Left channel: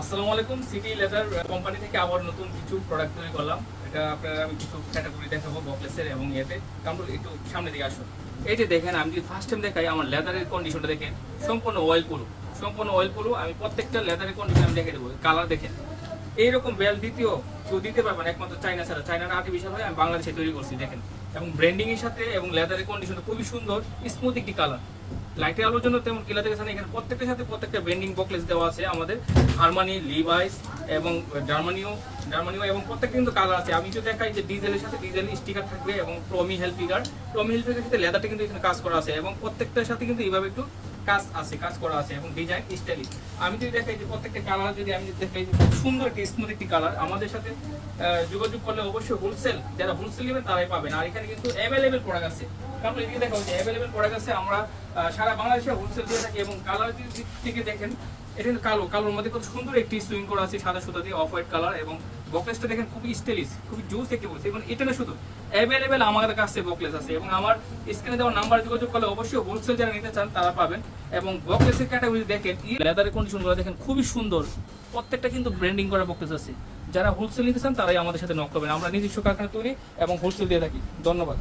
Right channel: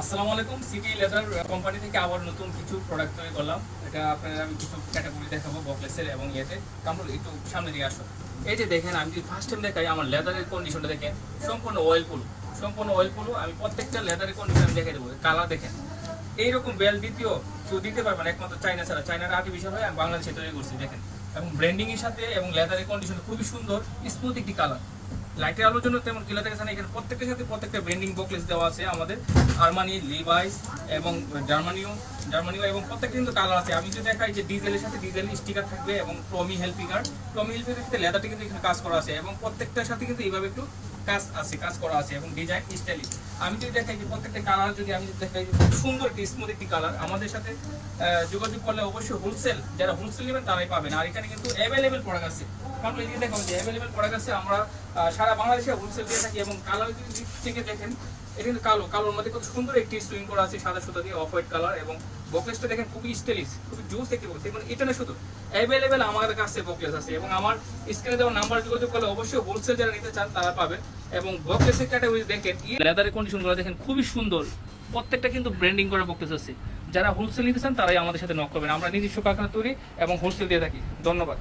আসসালামু আলাইকুম city leather company থেকে আবার নতুন কিছু প্রোডাক্ট তৈরি করলাম। এটা আপনারা আমি কিছু ক্যাটাগরি দেখাবো বকলেসের এবং ইয়েতে। কামরুল, একটু সামনে দিকে আসো এই যে দেখেন, আমি যদি ফার্স্ট টাইম দেখাই, আমার লেদারের কন্ডিশনটা দেখেন, সম্পূর্ণ অয়েল পুরো। সম্পূর্ণ অয়েল পুরো, আমি প্রত্যেকটা লেদারের কন্ডিশন দেখে দেবো কালার দেখেন। এইরকম বেল দ্বিতীয়, কেউ দিতে পারবে না, একমাত্র চাইনা ছাড়া। চাইনার আর্টিফিশিয়াল হয়ে আমি বাংলাদেশে তৈরি করছি, দেখেন। এবং ব্র্যান্ডিং এর সাথে এবং লেদারের কন্ডিশন খুবই সুন্দর স্মুথ একটি কালার লাইটের আলোর জন্য তেমন কিলা থেকে এখানে প্রত্যেকের সাথে প্রত্যেকটা ব্র্যান্ডিং বকলেস দেওয়া আছে আমাদের। হারমানি লিভাইস এবং জার্মানিও জার্মানিও এবং প্রত্যেকটা কিন্তু কালার আছে। আমি যদি দেখাই যে ডিজেলের সাথে ডিজেল স্টিকার থাকবে এবং টমি হেলপিকার টমি হেলপিকার সাথে লেদারটা কিন্তু এখানে কাজ করা আছে এবং প্রত্যেকটার সাথে কিন্তু এইভাবে একটু কাজ আছে, কাজ করা আছে এবং ডিজাইন স্টাইলিশ আমি যদি দেখাই যে প্রত্যেকটা কালার যদি আমি যদি দেখাই সুন্দর একটি স্মুথ একটি কালার আমাদের সাথে যোগাযোগ করলে অবশ্যই হোলসেল যারা হোলসেল নেবেন তারাই পাবেন। আর এখানে কিন্তু অ্যাভেলেবেল প্রোডাক্ট আছে। কারণ অ্যাভেলেবেল প্রোডাক্ট আছে, আমরা সারা বাংলাদেশে হোলসেল দিয়ে থাকি এবং কালার দিক থেকে দেখেন কিন্তু কালো। কালোর মধ্যে খুব সুন্দর একটি সুইং করা আছে, সাদা সুতা দিয়ে অফ হোয়াইট কালার এবং বকলেসটা দেখেন খুবই স্টাইলিশ খুবই জুস দেখে বলছে এবং এটা না শুধু অ্যাভেলেবেল আমাদের কাছে বকলেস আছে এবং আমার স্ক্রিনে যেমন নাম্বার যোগাযোগ করলে অবশ্যই হোলসেল যারা নিতে চান তারা পাবেন এবং বকলেসের ক্যাটাগরি দেখেন লেদারের কন্ডিশনগুলো দেখেন খুবই সুন্দর। প্রত্যেকটা কিন্তু ব্র্যান্ডিং করা বকলেস আছে। যারা হোলসেল নিতে চান তারাই আমাদের সাথে নক করবেন। আমরা নিজস্ব কারখানা তৈরি এবং হোলসেল দিয়ে থাকি। ধন্যবাদ।